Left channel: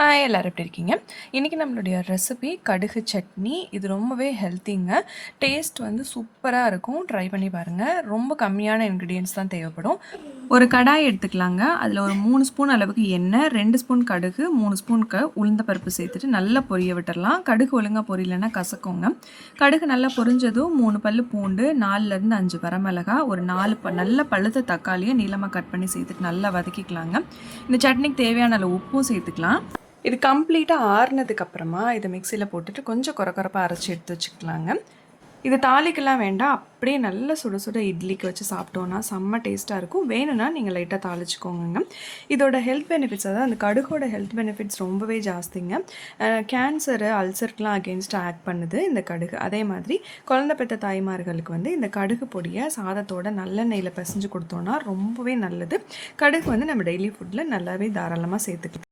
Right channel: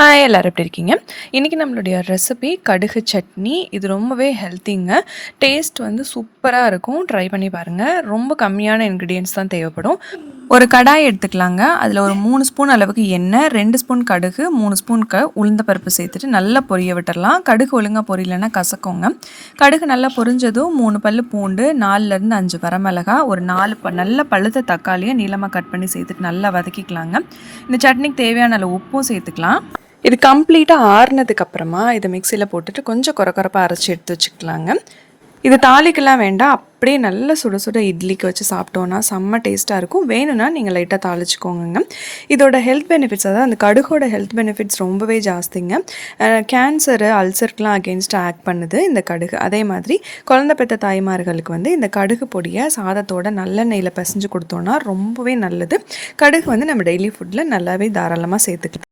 Hi எல்லாரும் எப்படி இருக்கீங்க? இன்றைக்கி நம்மளுடைய ரெசிபி கடுகு சட்னி. இது ரொம்பவே ஹெல்த்திங்க. டேஸ்ட் வந்து சூப்பராக இருக்கும். ட்ரை பண்ணி பாருங்கள். ரொம்ப கம்மியான இன்க்ரீடியன்ட்ஸ் தான் தேவைப்படும். ஒரு கடாய் எடுத்துக்கலாங்க. அதில் ஒரு 3 ஸ்பூன் அளவுக்கு எண்ணெய், 2 ஸ்பூன் கடுகு, 3 ஸ்பூன் உளுந்த பருப்பு சேர்த்துட்டு நல்லா பொரிய விட்டுடலாம். கடுகு ஒழுங்காக பொரியலைன்னா கசக்குங்க. கடுகு நல்லா பொரிஞ்சதும் 3 பல் பூண்டு, 4லேருந்து 5 வரமிளகா, ஒரு 4 நல்ல பழுத்த தக்காளியை நீளமாக கட் பண்ணி சேர்த்துட்டு நல்லா வதக்கிக்கலாங்க. இந்த சட்னிக்கு தேவையான அளவு உப்பும் சேர்த்துக்கலாம். இது கம்ப்ளீட்டாக ஆறுனதுக்கப்புறமா இதை மிக்சியில் போட்டுட்டு கொஞ்சம் கொரப்பாக அரைச்சி எடுத்து வச்சுக்கலாங்க. இது தாளிக்கெல்லாம் வேண்டாம், அப்படியே நல்ல சுட சுட இட்லிக்கு வச்சு சாப்பிட்டோன்னா செம்ம டேஸ்ட்டாக இருக்கும். வேணும்னா நீங்கள் லைட்டாக தாளிச்சிக்கோங்க. இதோட ஹெல்த் பெனிஃபிட்ஸ், அதாவது அந்த கடுகோட ஹெல்த் பெனிஃபிட்ஸ் ரொம்பவே ஜாஸ்திங்க. கேன்சரு, அல்சருக்கெலாம் அகெயின்ஸ்டாக ஆக்ட் பண்ணுது இந்த கடுகு. அதே மாதிரி குழந்தை பெற்ற தாய்மார்களுக்கு வந்து இந்த கடுகு பொடியை சாதத்தோட நல்லெண்ணெயில் பிசைஞ்சு கொடுத்தோன்னா ரொம்பவே நல்லது. கடுகு வந்து நம்ம டெய்லி ஃபுட்டில் நல்லாவே தாராளமாக சேர்த்துக்கலாம்.